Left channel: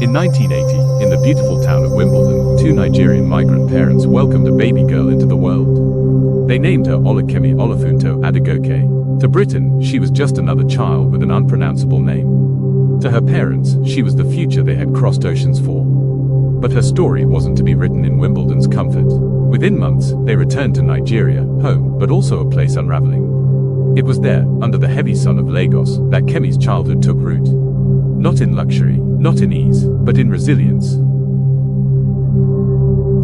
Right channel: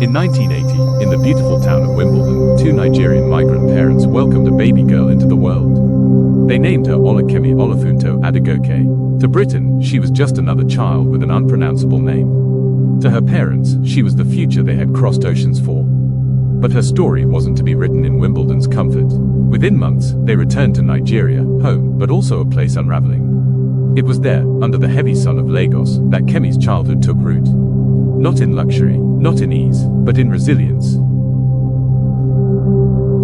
In 1980, in the beautiful town of Wimbledon, two Nigerian migrant parents welcomed a baby girl into the world. They named her Olakemi Olafunto Adegoke. To Britain, she was just another child with an unpronounceable name. To her parents, she was the future they had crossed oceans for. But her story wasn't to be written in Wimbledon's comfort. Within months, they returned to Nigeria, home, but also a place unraveling. It was there, under the heavy sun of Lagos, that Kemi's childhood took root. Not in luxury, not in ease, but in resilience.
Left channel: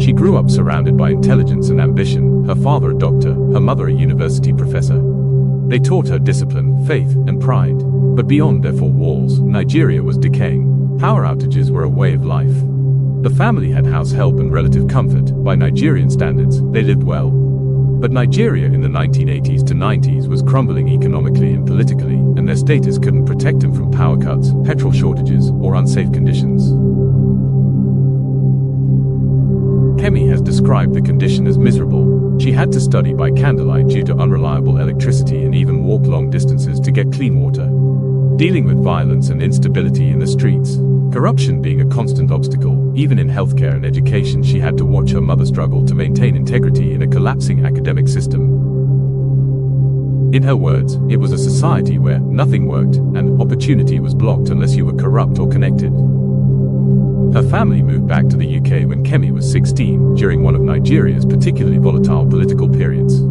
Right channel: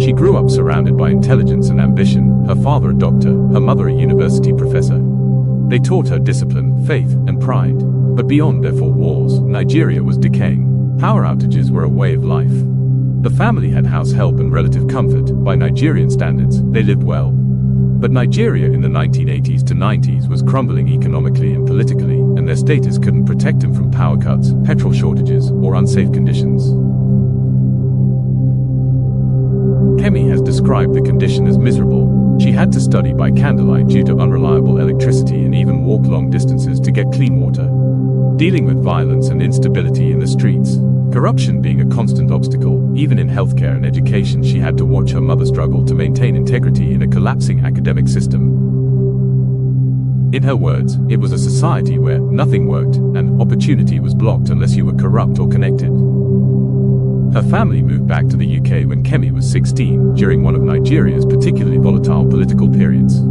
She grew up surrounded by intelligence and ambition, her father a doctor, her mother a university professor. They taught her discipline, faith, and pride. But beyond their four walls, Nigeria was decaying. Power outages were a way of life. The family had house help and relative comfort. By Nigerian standards, they lived well. But Nigeria in the 1980s to 90s was crumbling economically and politically, and their status couldn't protect them from power cuts, petrol shortages, or unsafe conditions. Kemi has described the condition as miserable. She had to study by candlelight due to unreliable electricity and even walk long distances to get clean water. Dealing with violence and instability in the streets. Corruption being a constant obstacle, even in healthcare and education she had to watch her mother struggle to maintain integrity in a collapsing academic system. In her words, it was a society where nothing worked, and opportunity was blocked unless you were corrupt or connected. Her family moved back to the UK when Kemi was 16, during one of Nigeria's particularly volatile political periods.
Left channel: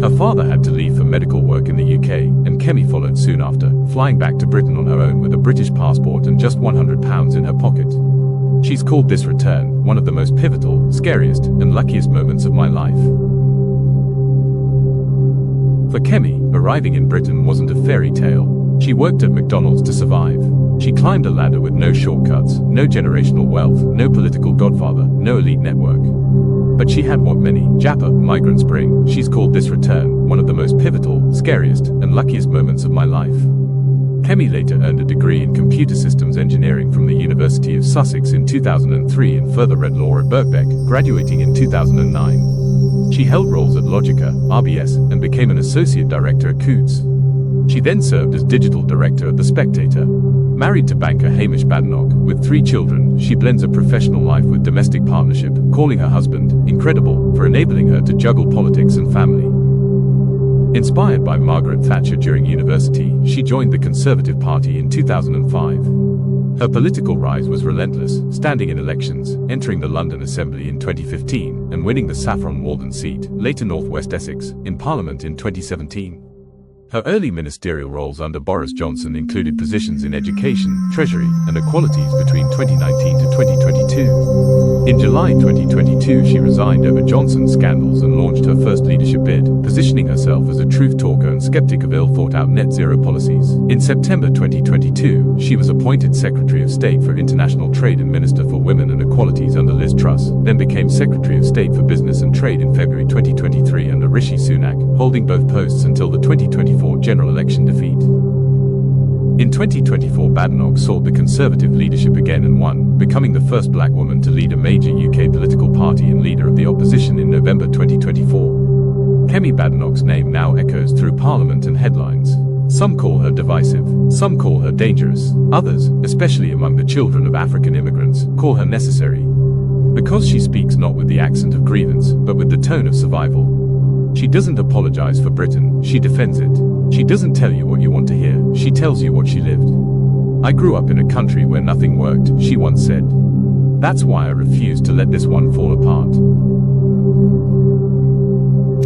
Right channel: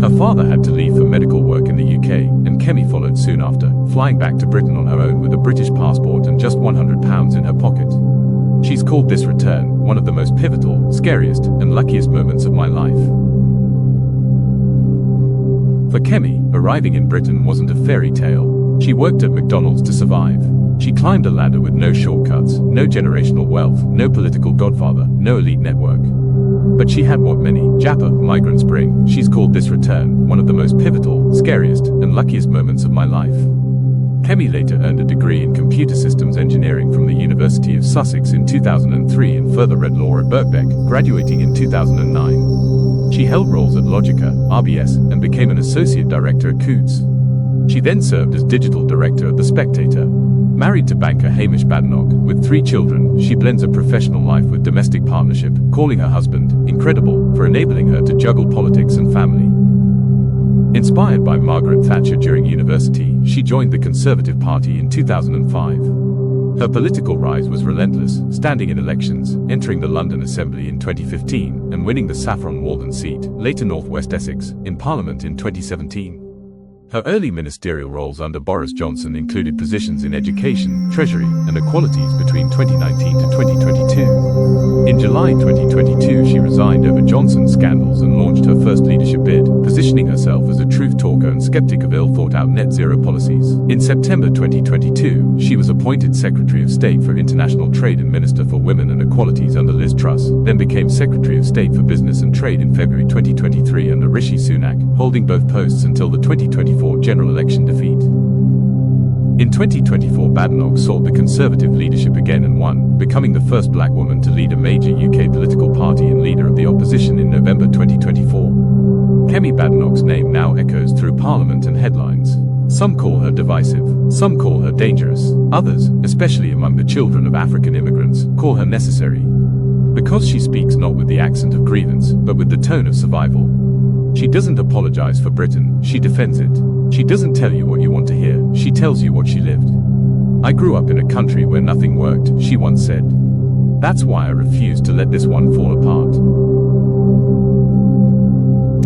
Her father had to leave for medical work in the UK, and Kemi followed soon after, flying back to Britain on her own with a British passport and just £100 in her pocket. She's called this return one of the most pivotal, scariest, and luckiest moments of my life. For Kemi, arriving in Britain wasn't a fairy tale. She worked at McDonald's to survive. She climbed a ladder with no shortcuts, no generational wealth, no political godfather, no elite network. But she had what many, JAPA, migrants bring. She's called this return one of the most pivotal, scariest, and luckiest moments of my life. Kemi later earned a degree in computer systems engineering from the University of Sussex in 2003 and further read law at Birkbeck, graduating in 2009. She held roles at Logica, RBS, and became an associate director at Coutts. She then served as digital director at The Spectator. Married to banker Hamish Badenoch, with 3 children, she blends a professional life with domestic partnership, calling her husband incredible for enabling her to juggle politics and family. Inspired by Margaret Thatcher during university, she joined the Conservative Party in 2005. Her political rise was relentless, standing in elections, entering the London Assembly in 2015, and winning the Saffron Walden seat, later North West Essex, in Parliament in 2017. Her early ministerial roles under Boris Johnson included positions in education, treasury, and equalities between 2019 to 2022. In July 2022, she resigned over Johnson's scandals and launched her first leadership bid, positioning herself as a truth talker and skeptic of ill-thought-out net zero policies. In September 2022, she was appointed Secretary of State for International Trade and Minister for Women and Equalities under Liz Truss, then became Secretary of State for Business and Trade in February 2023 under Rishi Sunak, holding both posts until the 2024 general election defeat. In 2024, Badenoch sought the Conservative leadership again and won, becoming the first black woman to lead a major UK political party and leader of the opposition in November 2024. Kemi Badenoch's name now echoes through Parliament and headlines. Some call her divisive, some call her dangerous, others, especially among the children of African immigrants, call her necessary. Because she speaks not with the accent of grievance, but with the tone of survival. She doesn't apologize for Britain, she defends it. She doesn't tell you what you want to hear, she tells you what she lived. I grew up in a country where nothing worked, she once said. That's why I refuse to let this one fall apart.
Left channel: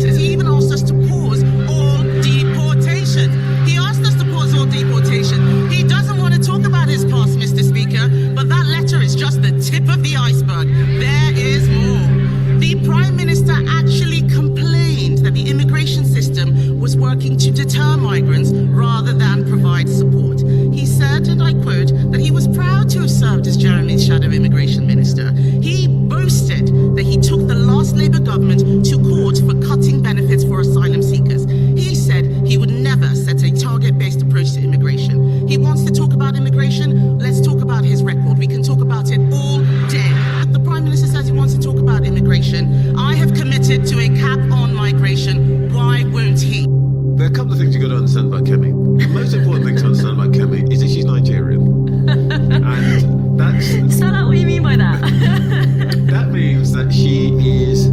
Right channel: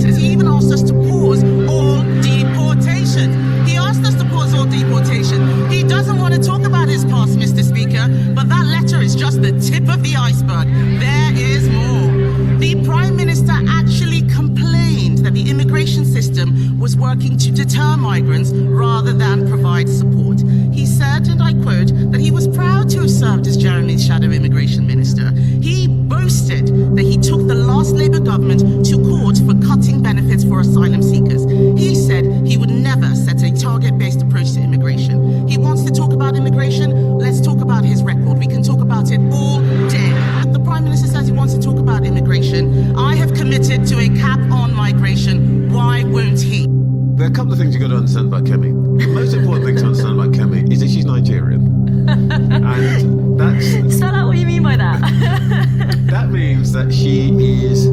He even asked us to pause all deportation. He asked us to pause all deportation. He doesn't want to talk about his past, Mr. Speaker, but that letter is just the tip of the iceberg. There is more. The Prime Minister actually complained that the immigration system was working to deter migrants rather than provide support. He said, and I quote, that he was proud to have served as Jeremy's shadow immigration minister. He boasted that he took the last Labour government to court for cutting benefits for asylum seekers. He said he would never set a target-based approach to immigration. He wants to talk about immigration. Let's talk about his record. We can talk about it all day. The Prime Minister says he wants to talk about immigration. I have committed to a cap on migration. Why won't he? There are a couple of things you've got to understand about Kemi. The most important thing to understand about Kemi is that she's Nigerian. And that's... Spell out what you mean by that. That means that she is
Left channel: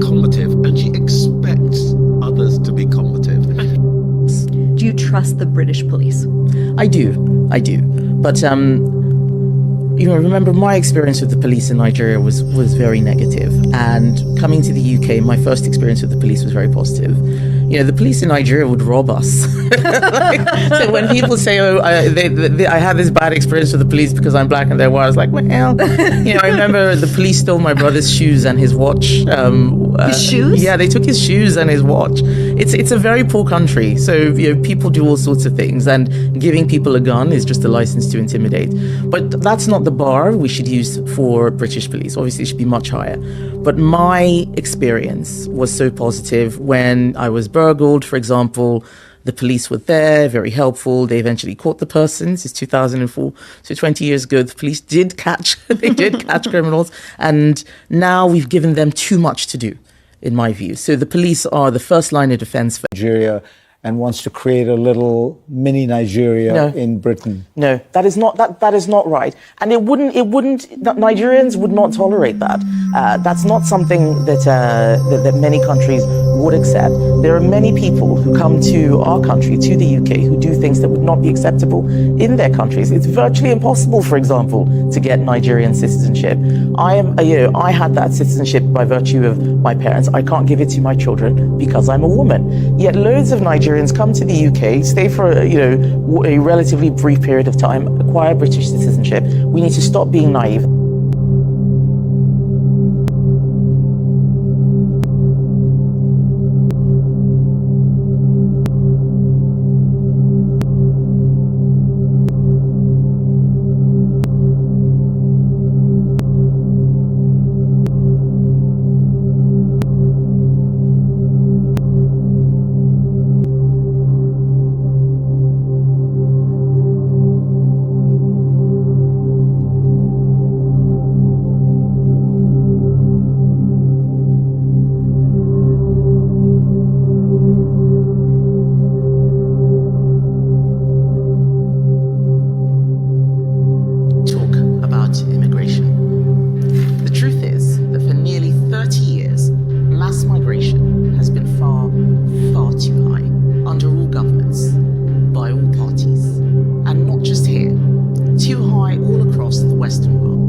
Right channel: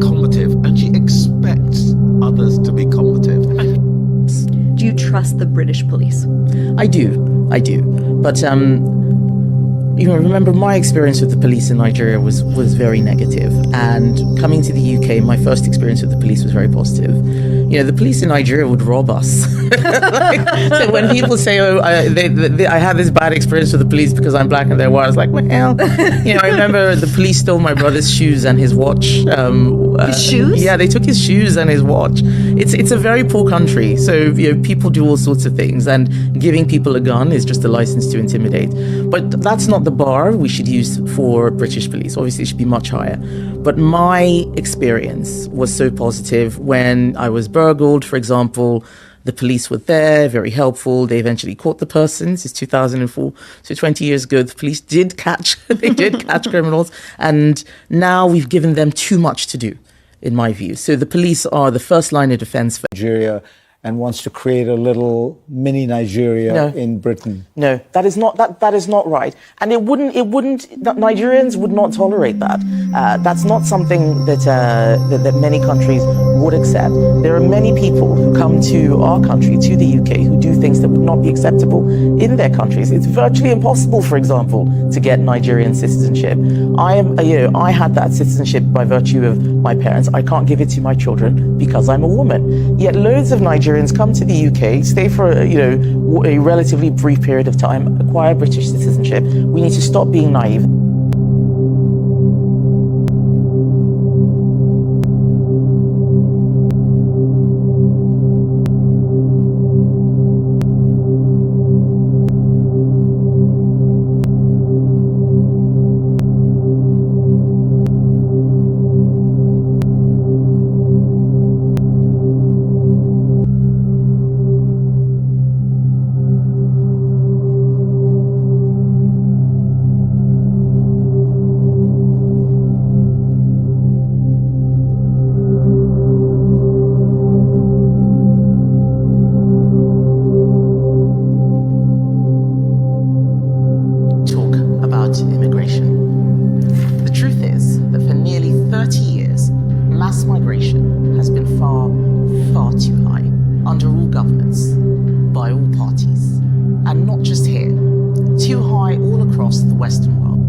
combative, and she expects others to be combative. Do you trust the British police? I do. But, remember my experience with the police in Nigeria was very negative. And coming to the UK, my first experience with the police was very positive. The police in Nigeria would rob us. So when people say, I had this bad experience with the police because I'm black and they're white, I was like, well, I remember the police stole my brother's shoes and his watch. His shoes? Yeah, they took his shoes and his watch. It's a very poor country. So, people do all sorts of things, and giving people a gun is just a license to intimidate. But that's not the bar we should use for British police. Obviously, it should be much higher. But my experience was so positive. When I was burgled, for example, the police were there, very helpful. They eventually caught the person. This is 2004, so 20 years ago. The police did catch criminals, and now we've given them too much to do, in my view. So the police are the first line of defense for Nigeria, and wants to create a little mini Nigeria in Britain. No, that is not right. And Nigerians would not tolerate that. That's not something that many countries would accept. There are many people who come to our country, to the UK, who do things that would not be acceptable in their countries. It's virtually impossible, for example, to get Nigerian citizenship. I had that citizenship by virtue of my parents. I can't give it to my children because I'm a woman. Yet loads of Nigerians come to the UK, stay for a relatively brief period of time, acquire British citizenship. We need to stop being naive. Immigration. The truth is that for nearly 30 years, mass migration has been far, far too high under all governments, by all parties, and not just here, too high all across the Western world.